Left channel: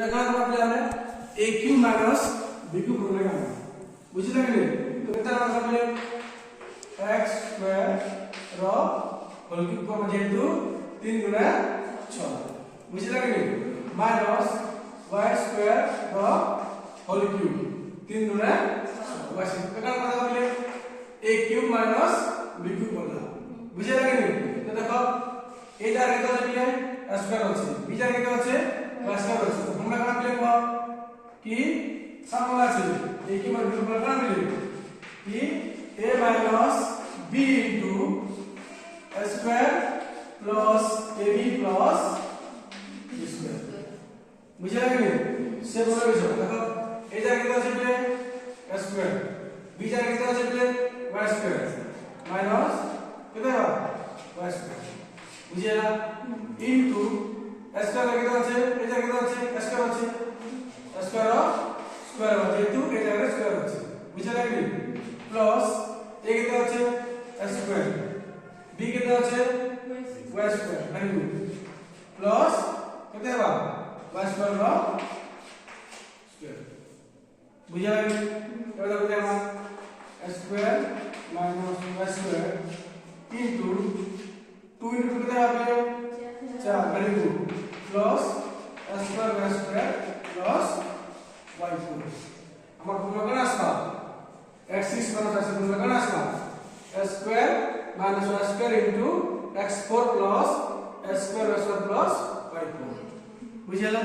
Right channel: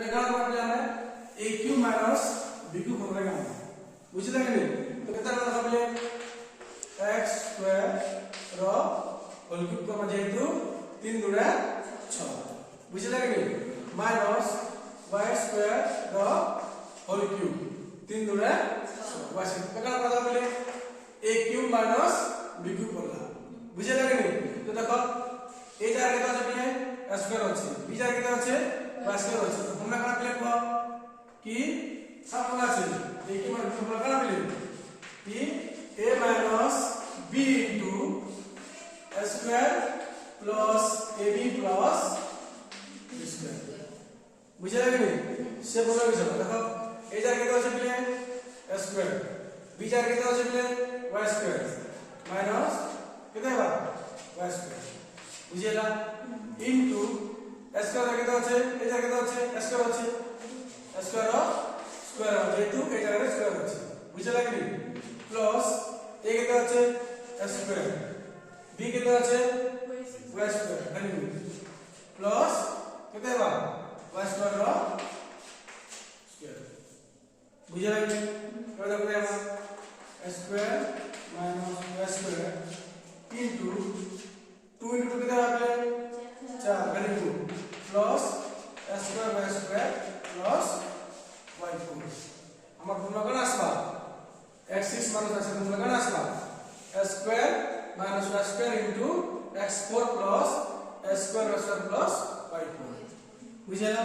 এটা কার করলে আমরা aq মাইনাস bq করলে কাম বুঝলে কি তো কেতে না করলে x স্কয়ার র হোল কিউব কম যেহেতু 3 গুণা 6 বুঝলে কি মাইনাস y স্কয়ার র হোল কিউব 3 গুণা 6 বাস কেতে না করলে aq মাইনাস bq করলাম বুঝলে কি তো দেখো এই জায়গায় কত আছে a স্কয়ার আছে b জায়গায় কত আছে y স্কয়ার আছে তো আমরা কেন লিখব কি সামনে আছে এই কি মানে বল কেন লিখব কি a minus b into a square plus ab plus b square বুঝলে কি সে বলে গেছে দেখো এই জায়গায় কত আছে a square b জায়গায় কত আছে y square minus কত হবে y square বুঝলা into a square কত আছে এই জায়গায় কত আছে a square আছে a square স্কয়ার যেহেতু এই জায়গায় স্কয়ার আছে বুঝলা কি প্লাস a কত আছে a স্কয়ার b কত আছে y square very good plus কত হবে y স্কয়ার র স্কয়ার বুঝলা কি কত হবে আমার a square minus y square into 2 ইনটু কত হবে 4 very good plus a square y square plus y4 আমার গুণফল আসবা x6 মাইনাস x গুণফল আসবা a square minus y square into x4 plus a square y square plus y4 বুঝলা